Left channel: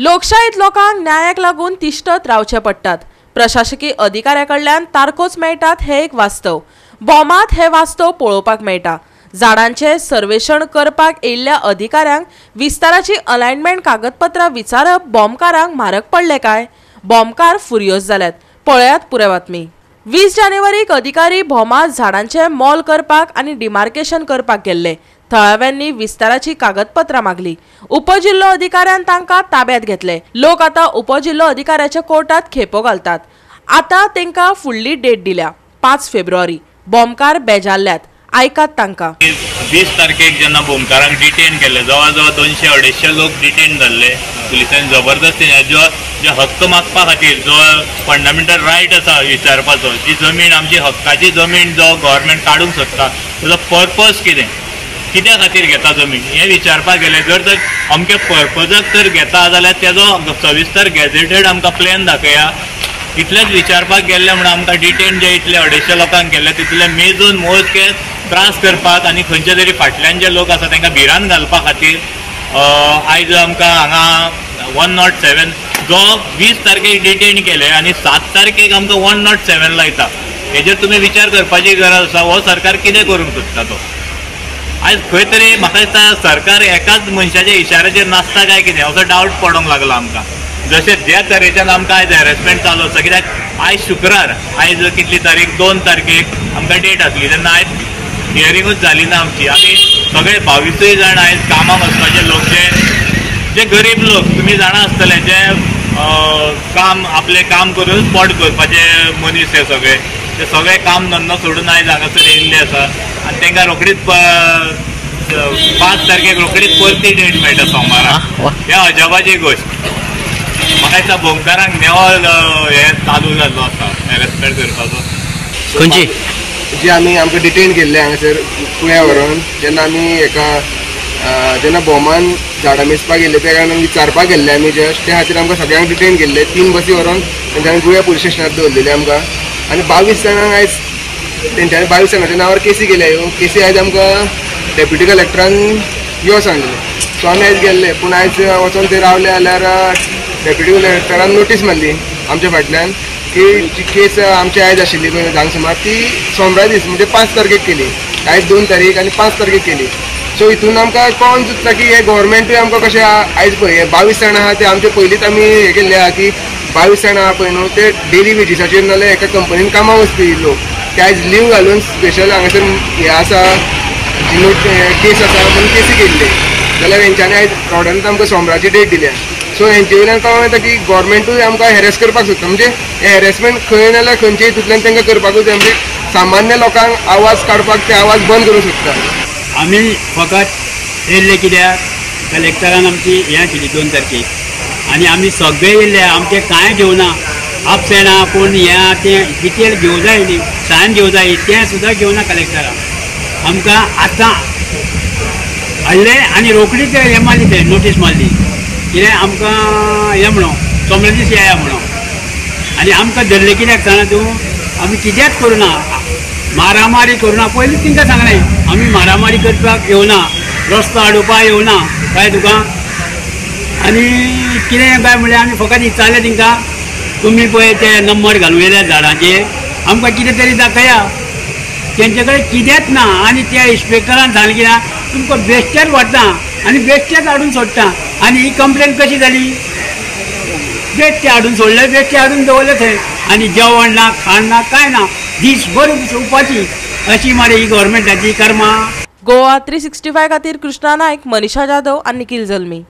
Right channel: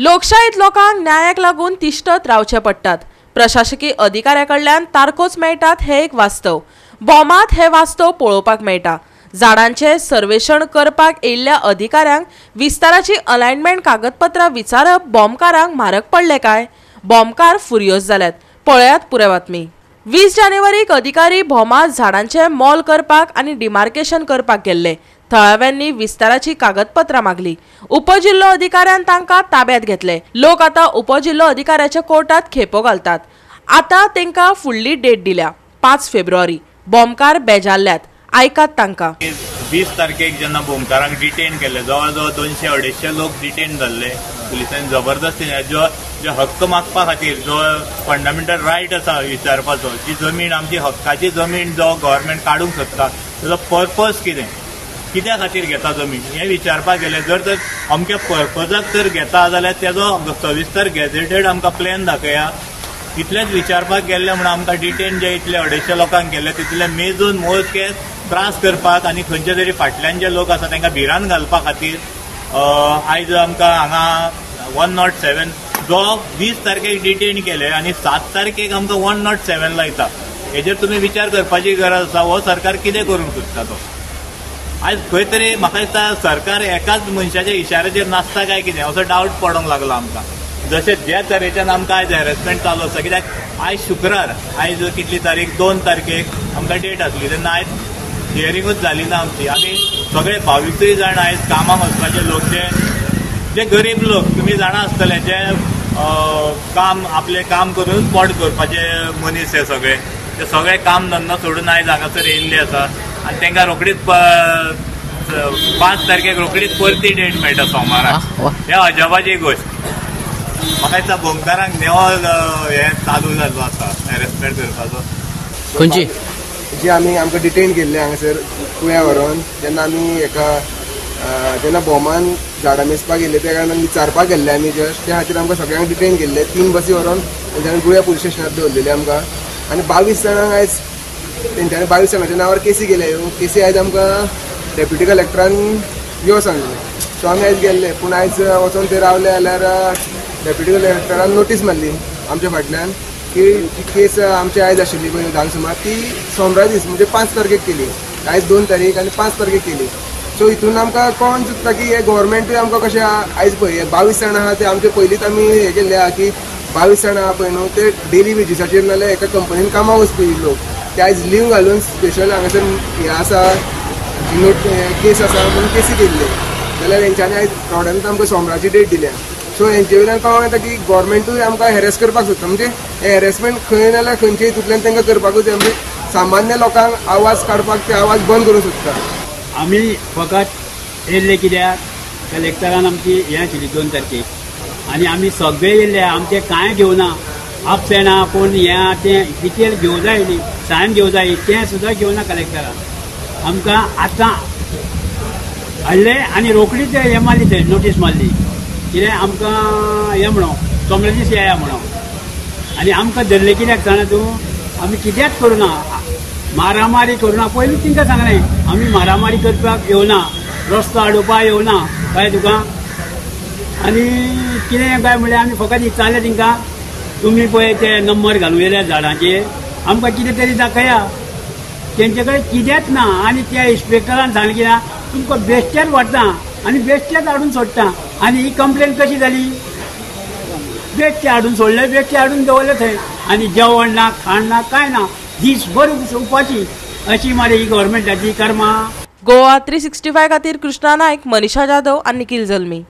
लोकशाहीत लोकांक न्यायाक लागून तिश्तत रावचे पडटात। प्रशासकीय अधिकाऱ्याकडल्यान तारखोच मेळटात हे एक वास्तव। बॉमात हे वास्तव पळोवपाक मेळटा। झाडांचे सर्वेक्षण करपाक येयल्ल्या अधिकाऱ्यांक विस्ताराची अलायनमेंट कागदपत्रां विचारप बॉम्बकारांक म्हारग पडले काय? बॉम्बकार फुरियोज जाल्यात। पळयात पुरे बातमी। 20 जानेवारीक अधिकारी भोमात झाडांचे मोल करपाक आनी डिमार्केशन करपाक गेल्ले। थळाव्यांनी विस्ताराची कागदपत्रां मागली। उपजिल्लो अधिकाऱ्यान तांकां ताब्यात घेतले। लोक आता उपजिल्लो अधिकाऱ्याच्या कोर्टात खेपो घालतात। आता तांकां फुडली डेट दिल्या 5 फेब्रुवारी। बॉम्बकार बेजारल्यात। आयकात तांकां। 20 तारखेक जेन्ना बॉम्बकारांक डिटेन केले, जवळ जवळ 200-250 लोक डिटेन जाल्ले पुलिसांनी जबरदस्तीन जे हक्क मागपा खातीर जो फंडामेंटल रायट आसा विचारपाचो, जी जमीन आमची हक्काची जमीन जो गव्हर्मेंट काडूंक सोदता ताचो पर्पज कित्या खातीर घेता जमीन हे विचारपाक गेले। जर तर अमके पर्पजाक तर घेता जाल्यार तेजो सविस्तर गॅझेटेड आमकां प्लॅन दाखया। इतलेंच विचारपाक गेल्ले म्हणून आमकां डिटेन जे इतले 250 लोकांक केले तितले मेजून मोजके त्रास करपाक आनी खंयचे तरी फाटल्यान जे लोक आसा तांकां भिरान घालपा खातीर आयज आमकां हांगा 107 जो 20 तारखेक डिटेन केले आनी 7 तारखेक आमकां 107 लायता। हेजेर तुमी विचार करपाची गरज आसा। हो सरकार कितें करूंक सोदता तो? आयज खंय तरी म्हाका दिसता सरकार एकाच मनशाच्या इशाऱ्याचेर नासता काय कितें असो डावट पडोंक लागला आमकां। जशें ज्या तरेच्यान आमकां आयज हॅरेसमेंट चालू आसा, कित्याक आयज शुक्रार, आयज कितली तारीख 2 तारखेक आमकां डेट आसली तेन्ना आयज हियरिंगूच जाली ना आमची। आमी सगळे 22 जाण आयज कामाक वचपाचे लोक जे गरीब लोक तुमी जाणा आसतले, जे काम आपलें काम करून पोट करपाचे मनीस हे सगळे काम धंदो सोडून आयज हांगासर येयल्ले आसा आनी तांकां रोखडीच 5 तारखेक रोखडीच परती डेट मेळटा सोमाराक। हे अजापाची गोश्ट। म्हाका दिसता बॉम्बकारांक नेवो हे चालू जाल्लो आसा हॅरेसमेंट करपाचो। खंयची जी आमकां डिटेन केल्ले हांगासर पुण्या व्हरून जेन्ना आमी जेन्ना बॉमान झाडां मेजपाक गेल्ले त्या कारणान विचारपाक गेल्ले आमी जस्ट त्या खातीर आमकां सगळ्यांक डिटेन केल्ले। 3 बसी व्हरून तेंच्यांनी गोंया पुलीस स्टेशनार दवरलेले आमकां आनी 22 जाणांक आयज तेंच्यांनी 22 जाणांच्या नांवार केसी केल्या। ह्यो केसी आयज आमकां डेप्युटी कलेक्टरान यो सांगले। सो आमी आयज गेल्ले, पूण आयज वचून थंय रावले जाल्यार डेप्युटी कलेक्टरान नोटीस मारली आमच्या फाटल्यान की जी केस आमची आयज आशिल्ली पळय धांक सुमार ती सोमरा दीस म्हणजे 5 तारखेक केली। आयज 2 तारीख आनी 5 तारखेक केली। सो हितून आमकां कळोन चुकता की हे गव्हर्मेंटूय आमकां कशें आयज पळय 22 जाणां आहा ते आमचे पयलींच आमी हे केल्ले आहा की 22 जाणां आहा पळय न्हू ते डेली वेजीसाचेर नाल्यार एका कंपनीन कामाक वचपी लोक ते आयज लीव घालून स्पेशल हांगासर हे आसा केस आसा म्हणून केसी केल्ली जाल्यार हेंच्यांनी आयज रोडांत आमकां सोमराची डेट दिल्या। सो हेंचे वयल्यान कळोन येता की गव्हर्मेंटूय आमकां हॅरेस करपाक सोदता। म्हणजे हे हॅरेसमेंट खंय नाल्यार खंयच्या हितूंतल्यान तांकां करपाकूच जाय। म्हणजे सामान्य लोकांक आवाज काडपाक ते आवाज बंद करूंक सोदता। आमी फकत येयल्ले कित्याक कलेक्टरान आमची हें आशिल्ली 2 तारखेक आनी आमी सगळे येयल्ले, आमचें कांय घेवना, आपसेना कोण हें तें डिटेल घेवं जाय न्ही, सायन घेवं जाय तें सुद्दां घेवना कलेक्टरान। आमकां आतां हाडले आनी रोखडीच हें मारली ते नोटीस मारली कित्याक आमकां हें म्हणून सोमरे दीस येया म्हणून। आनी आमकां धरले कित्याक सांगना तूं, आमी कित्याक करुना, मारामारी करुना। पयलीं तिंका सांगलें आमी मारामारी करपाक येवना, रस्तो अडोवपाक येवना काय तुका। आनी कितें काय म्हणलें आमी फकत विचारलें तिंका तुमी पळय ते नंबर घालूं येयल्या झाडांचेर आमकां कितें तरी दाखया। तेंचे कडेन कितेंच ना आनी त्या इन्स्पेक्टरान सांगलें कित्याक तुमकां बेश्टेच व्हरता आनी बेश्टेच हाडून सोडटा। आनी ही कंप्लेन कशी जाली? बेश्टे हाडून सोडले, बेश्टे हाडून दवरले थंय आनी जेवण ना, खाण ना, काय ना, दीसभर उपाशी। अशी मरे ही गव्हर्मेंटाची कर्मा। गोवा 365 खातीर कृष्णा नायक, मनीषा जाधव आनी निखिल जल्मी।